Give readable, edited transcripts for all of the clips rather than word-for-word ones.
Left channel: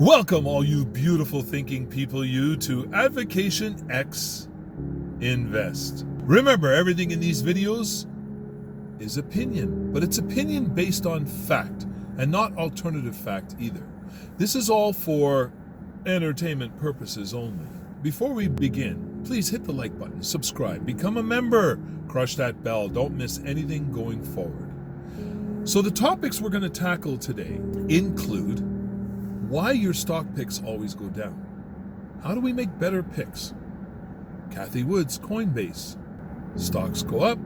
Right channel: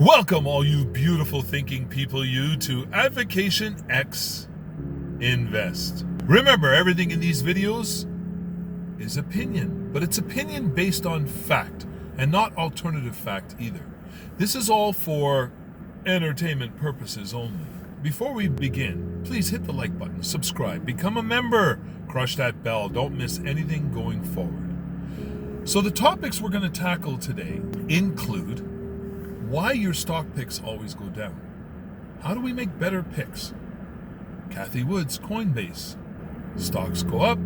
Welcome, all you beautiful thinking people, to Advocation X Invest. Remember, everything in these videos is opinion, but it's opinion based on fact and not alternative fact either. This is all for entertainment purposes only. Before we begin, please hit the like button, subscribe, become a member, crush that bell, don't miss anything going forward. So the topics we're going to tackle today include why your stock picks always go down. How do we make better picks? Cathie Wood's Coinbase. Stocks go up,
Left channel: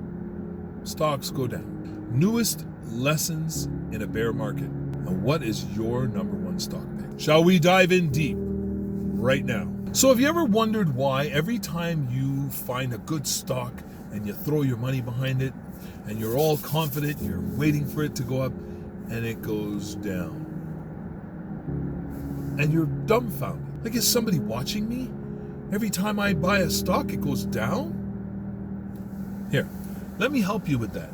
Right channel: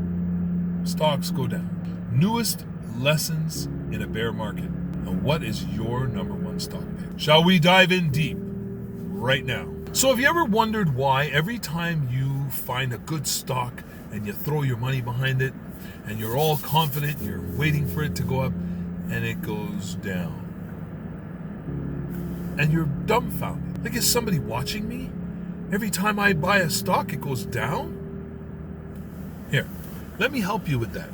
stocks go down. Newest lessons in a bear market. And what is your number one stock pick? Shall we dive in deep right now? So have you ever wondered why every time you find a good stock and you throw your money behind it and you're all confident, you're waiting for it to go up, and it goes down? And you're dumbfounded. Like, is somebody watching me? Every time I buy a stock, it goes down? Here, let me help you with that.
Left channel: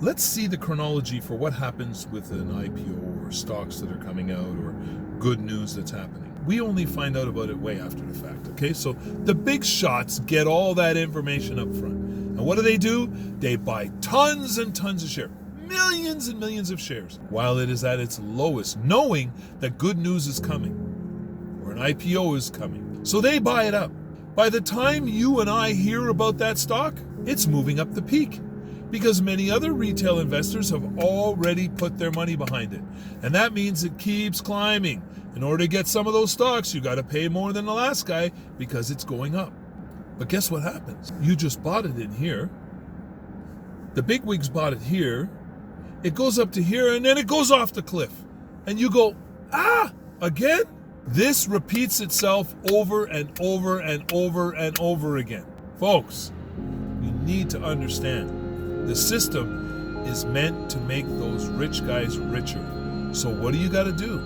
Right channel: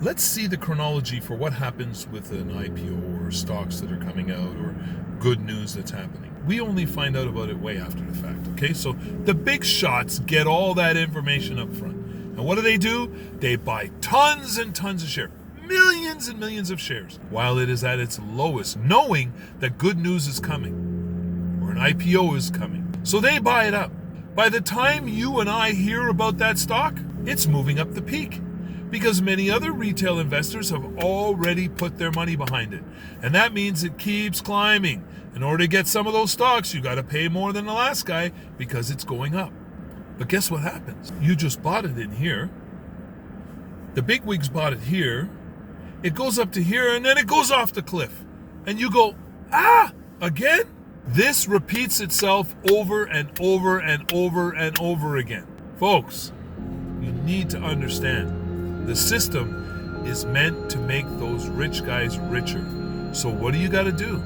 Let's see the chronology for what happens with an IPO or stocks that are coming out or good news that's happening. We only find out about it way after the fact, okay? So the big shots get all that information up front. And what do? They buy tons and tons of shares. Millions and millions of shares while it is at its lowest, knowing that good news is coming or an IPO is coming. So they buy it up. By the time you and I hear about that stock, it's moving up the peak because many other retail investors have already put their money behind it. And that means it keeps climbing. In order to get some of those stocks, you got to pay more than the last guy because it's going up. But guess what happens? You just bought it in here. The bigwigs bought it here. It goes up to here, and then it goes off the cliff. And you go, again? This repeats itself over and over and over and over again. Folks, you need to understand, the system is meant to make those rich guys richer. So what do you got to do?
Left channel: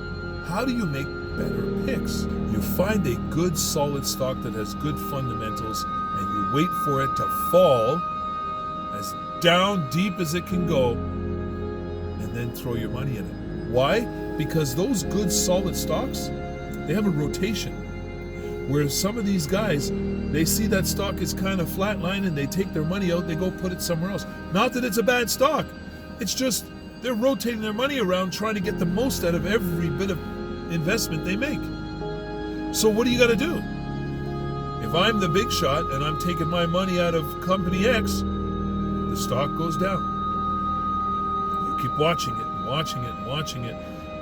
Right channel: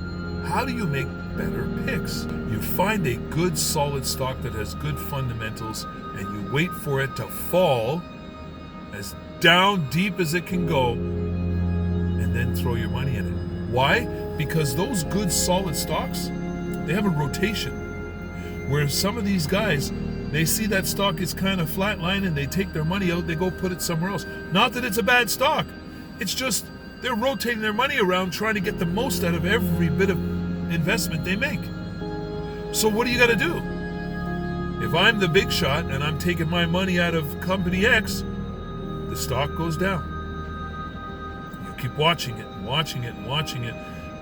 How do you make better picks? You find a good solid stock that has good fundamentals, and you wait for it to fall as down deep as it can go, and then throw your money in it. Why? Because those good solid stocks, they have a rotation. Where some of these guys, they see that stock is kind of flatline and they take their money out, they go put it somewhere else. Not that it's a bad stock. It's just they're rotating their money around trying to get the most out of every bit of investment they make. So what do you got to do? If I'm the big shot and I'm taking my money out of company X, the stock goes down. Keep watching it and watching it and watching it.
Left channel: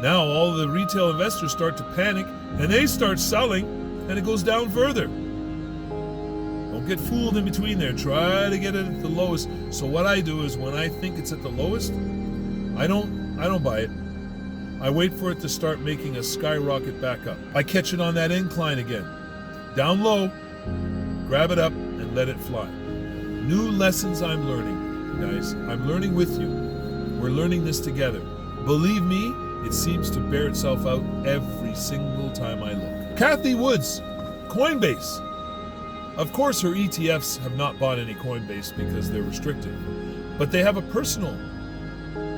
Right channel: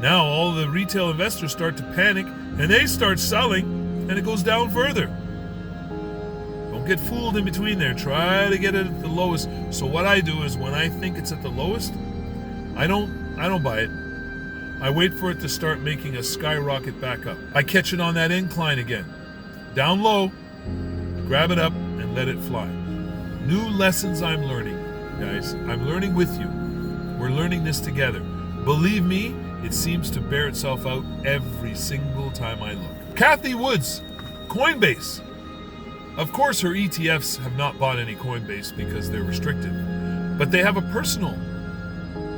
Now all the retail investors start to panic and they start selling and it goes down further. Don't get fooled in between there. Try to get it at the lowest. So what I do is when I think it's at the lowest, I don't buy it. I wait for it to start making a skyrocket back up. I catch it on that incline again. Down low, grab it up and let it fly. New lessons I'm learning, guys. I'm learning with you. We're learning this together. Believe me, it seems to bear itself out every single time I look. Cathie Wood's Coinbase. Of course, her ETFs have not bought any Coinbase because they're restricted, but they have a personal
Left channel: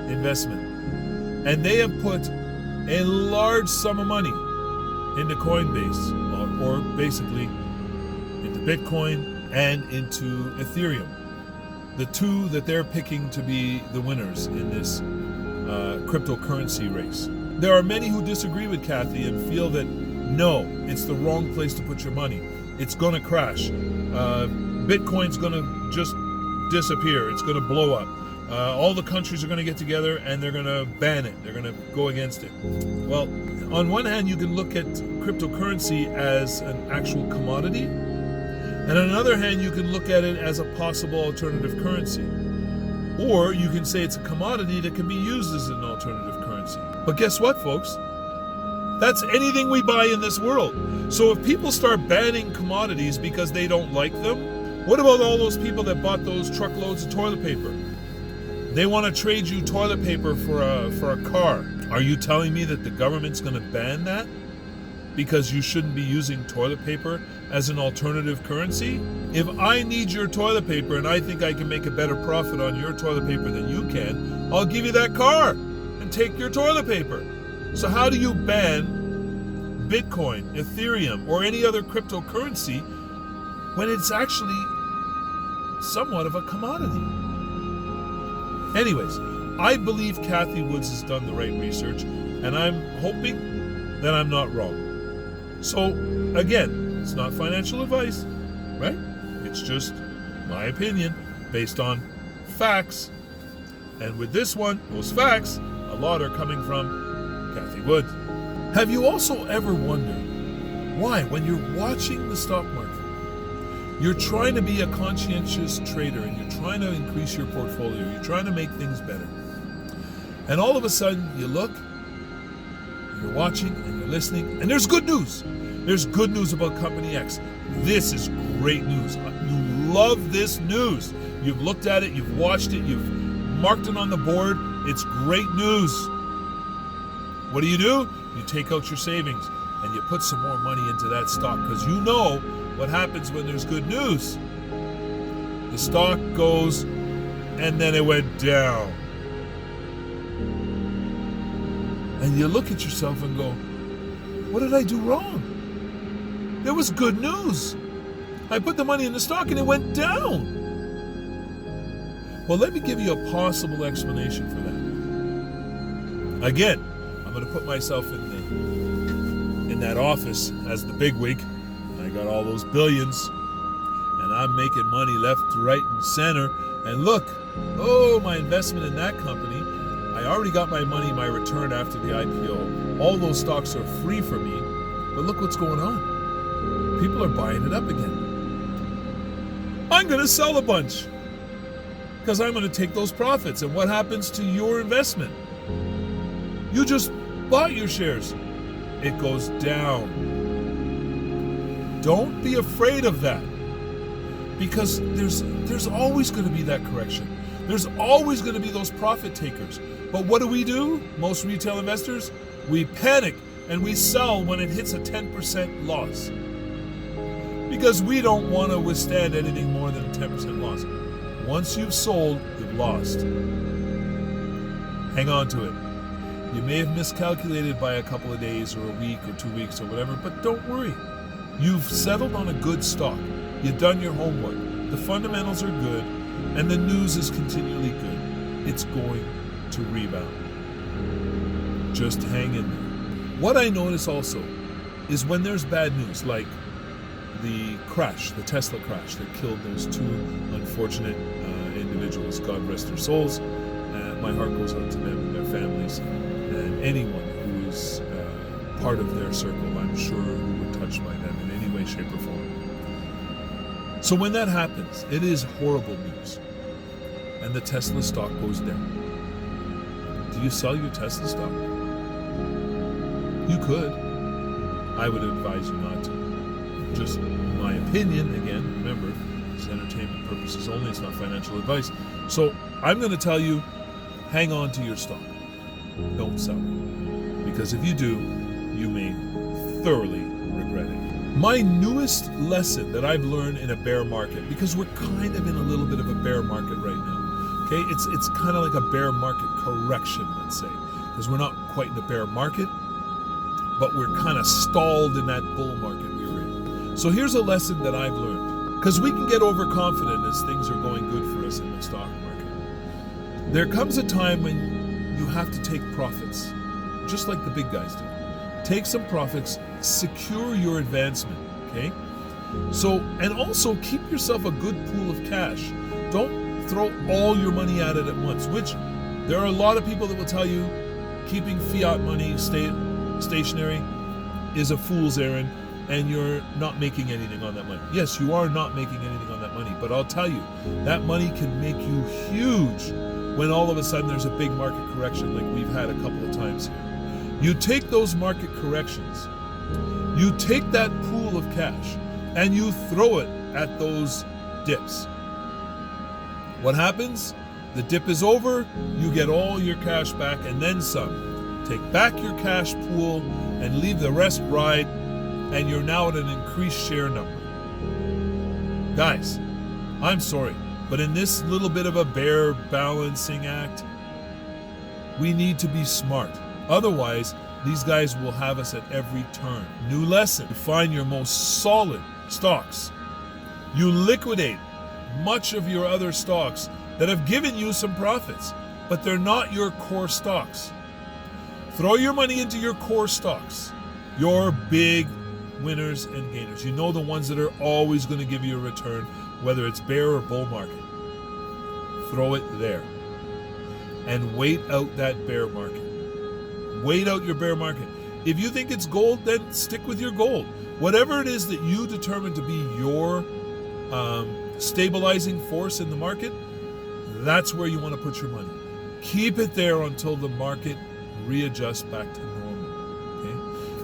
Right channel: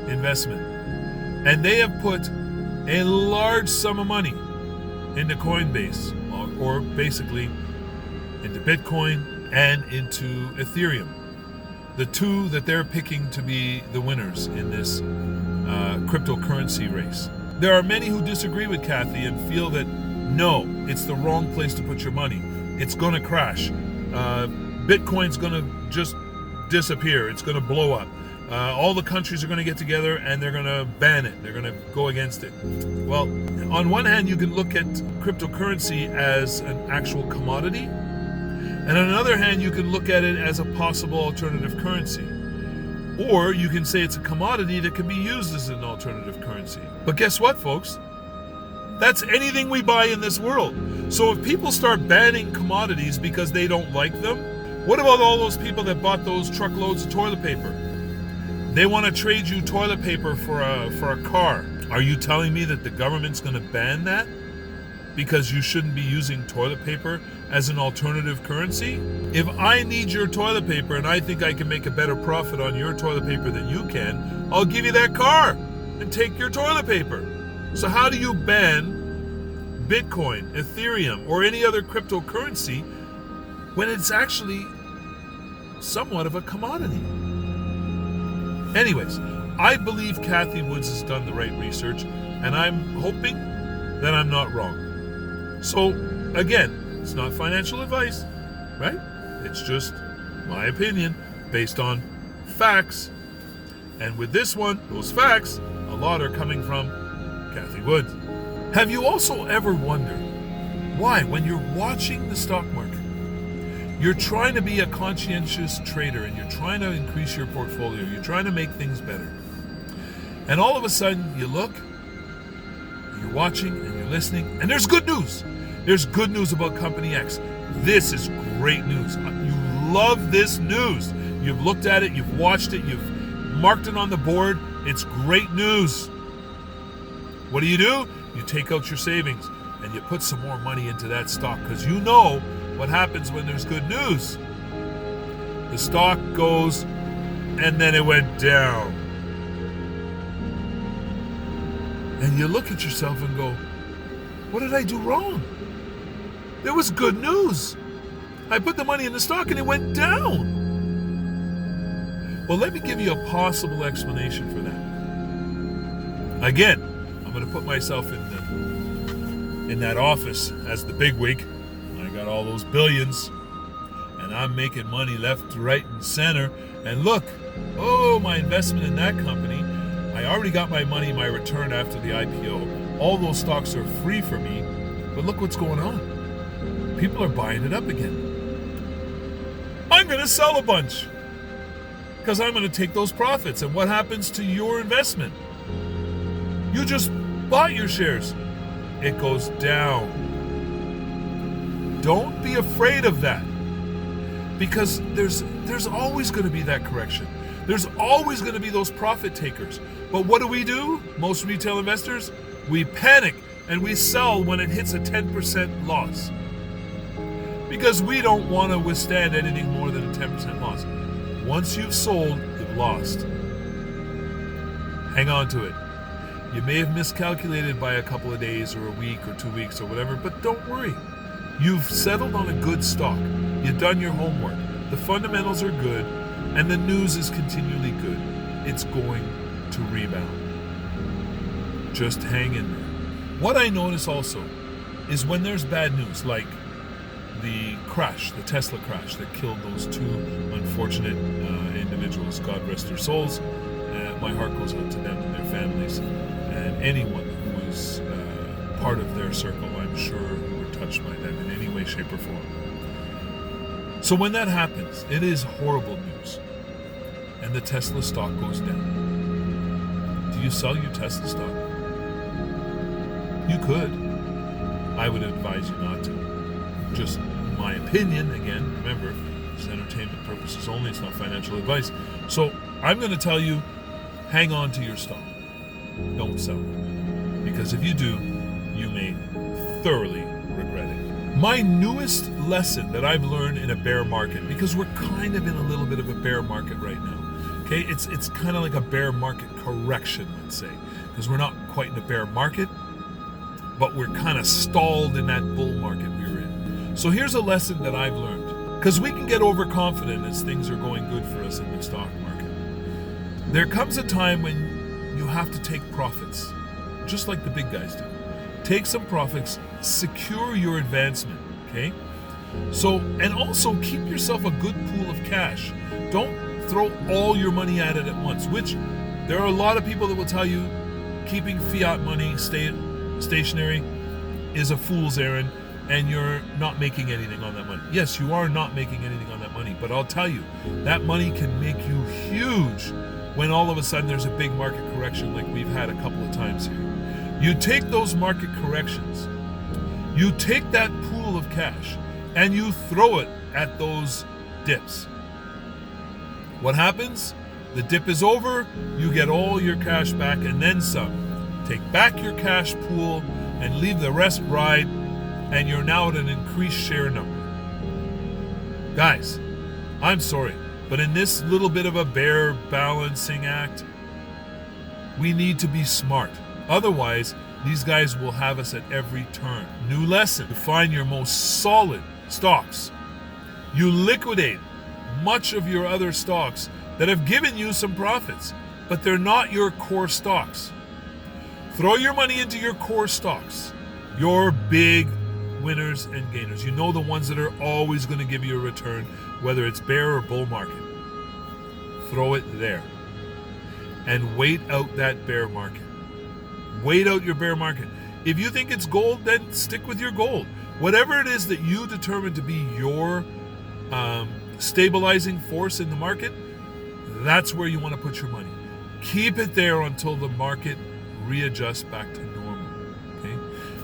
investment, and they have put a large sum of money into Coinbase, or basically into Bitcoin and into Ethereum. The two that they're picking to be the winners in this cryptocurrency race. There are many who disagree with Cathie and feel that no, it's the wrong place to put your money. It's going to crash. Bitcoin's going to just disappear. It's going to blow up. All the countries are going to get together and they're going to ban it. They're going to go against it. Well, on one hand, you can look at cryptocurrency as an actual commodity. And on the other hand, you can look at it as a possible alternative currency. Or you can say it's a commodity that can be used as an alternative currency. But guess what, folks? That's anything we buy in this world. So if people start banning commodities because they don't like them, what about all those people that bought those truckloads of toilet paper? They want to trade you toilet paper for a car. Are you telling me that the government's going to ban that? Because you shouldn't be using toilet paper as an alternative currency? If I need your toilet paper and I think I can make a better profit on your toilet paper than you can, I'll give you that car and take your toilet paper. So how do you ban Bitcoin, Ethereum, or any other cryptocurrency when it's actually somewhat of a commodity? Anyways, I believe Cathie Woods has done the right research, and I'm hoping that I'm not wrong. So, again, it's not financial advice, right? It's just my opinion based on facts. And with this one, those facts, a lot are coming from Cathie Woods. Have you also ever wondered why, when you're watching the stock market, you're trying to be a conscientious trader and you're trying to increase your portfolio, you're trying to make things better, and all of a sudden you look, and you're watching and you're listening, and there's good news. There's good news about Company X. This is great news. You love this news. You've looked at it, you've watched it, you've marked it on the board. It's great news. What do? You take out your savings and you put some more money into that stock, because you know what happens when there's good news. The stock goes, and then it went down. And you look at yourself and go, what did I do wrong? There was good news. I put the money in the stock and it went down. Well, let me give you a possible explanation for that. Again, I'm going to put myself in that office as the bigwig. I got all those billions, and I'm making money left, right, and center. And look, my investment in that company, I already got my money, my return after the IPO. All those stocks are free for me, but look what's going on. People are buying it up again. I'm going to sell a bunch because I'm going to take those profits. And what happens to your investment? You just bought your shares. It goes down. Don't be afraid of that, because there's always going to be that correction. There's always going to be those profit takers. But what do? Most retail investors, we panic and we sell when it hits a 10% loss, because we don't want to withstand anything more than a 10% loss. Once you've sold, you've lost. Hang on to it. You may have miscalculated by a couple of days or a week or 2 weeks or whatever, but don't worry. You've settled on a good stock. You've done your homework. The fundamentals are good, and the news is continually good. It's going to rebound. Just hang in there. What I notice also is when there's bad news, like the crash, the Tesla crash that killed those two unfortunate individuals, God rest their souls. My heart goes out to them and their families, and anyone who is part of their circle, I'm sure, who were touched by them in any way, shape, or form. So when that happens, it is horrible news, and the Tesla stock goes down. Do you sell your Tesla stock? You could. I would advise you not to. Just my opinion, again, remember, it's entertainment purposes only, it's not financial advice. So I'm going to tell you, hang on to your stock. Don't sell it. Because if you do, you may thoroughly regret it. My newest lesson that I've learned in a bear market, because we're kind of in a little bit of a bear market right now. Okay, it's kind of like a bear market correction, let's say, because we're not quite in a bear market, but we're kind of stalled in that bull market we were in. So here's a lesson that I've learned, because we can get overconfident as things are going good for us in the stock market. There comes a time when you have to take profits, just like the big guys do. Take some profits, secure your advancement, okay? So, and also keep yourself a good pool of cash. Don't throw all your money at it at once, which there are a lot of people that will tell you keeping fiat money stationary is a fool's errand and you're not making anything on that money. Yes, you are not making anything on that money, but I'll tell you, that money can make you huge when all of a sudden there's a big market correction like we've had a couple of times here. You take those market corrections, you take that pool of cash, and you throw it at those dips. What happens? The dip is over, you get all your cash back and then some. Take back your cash pool and leave the rest ride, and you're now at an increased share number. Guys, I'm sorry, but in this little bit of a bear balancing act, we need to be smart. Otherwise, These guys will have us at every turn. New lesson: to find your most solid stocks. You liquidate much of your other stocks that have given you some profits, but they're not your core stocks. Throw your money into your core stocks, your big winners and gainers. You know, the ones that are always going to give you a return, whether it's bear or bull market. Throw it there and wait out that bear market. Wait out your bear market. If you think it's gold, then stick with your gold. Whatever it is that you determine to be your stabilizing force in the market, that's where you want to put your money. Keep it there until the market readjusts back to normal. Okay.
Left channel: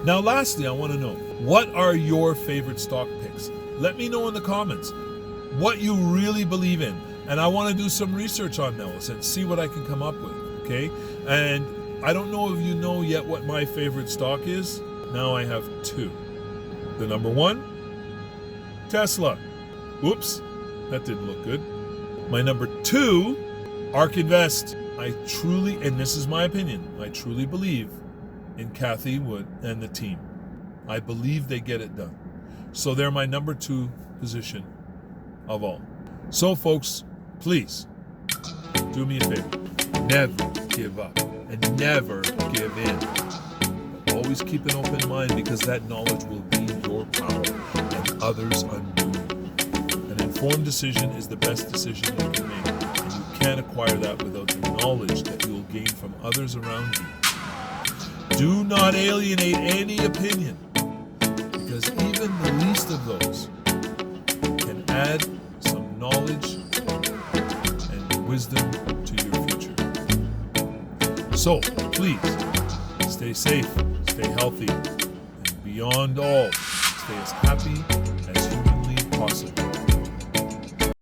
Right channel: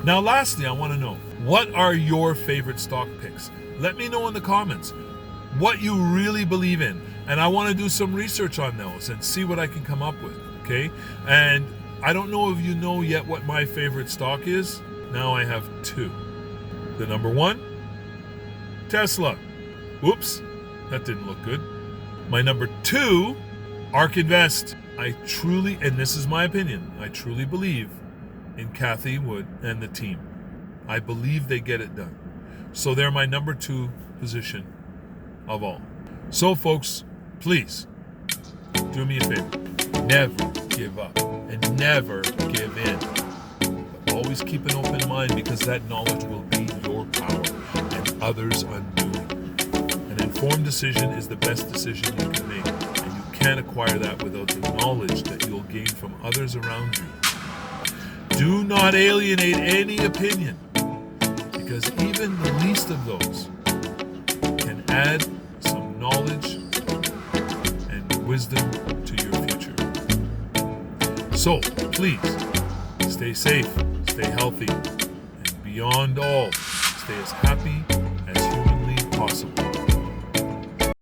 Now, lastly, I want to know, what are your favorite stock picks? Let me know in the comments what you really believe in, and I want to do some research on those and see what I can come up with. Okay. And I don't know if you know yet what my favorite stock is. Now I have two. The number one, Tesla. Whoops, that didn't look good. My number two, ARK Invest. I truly, and this is my opinion, I truly believe in Cathie Wood and the team. I believe they get it done. So they're my number two position of all. So folks, please do me a favor. Never give up and never give in. But always keep an open mind, because that knowledge will be your power and others' undoing. An informed decision is the best decision you can make, and you can't acquire that without the knowledge that you'll gain from others around you. Do not alienate any opinion, because even the least of those can add some knowledge and wisdom to your future. So please stay safe, stay healthy, and beyond all, stay as happy as humanly possible.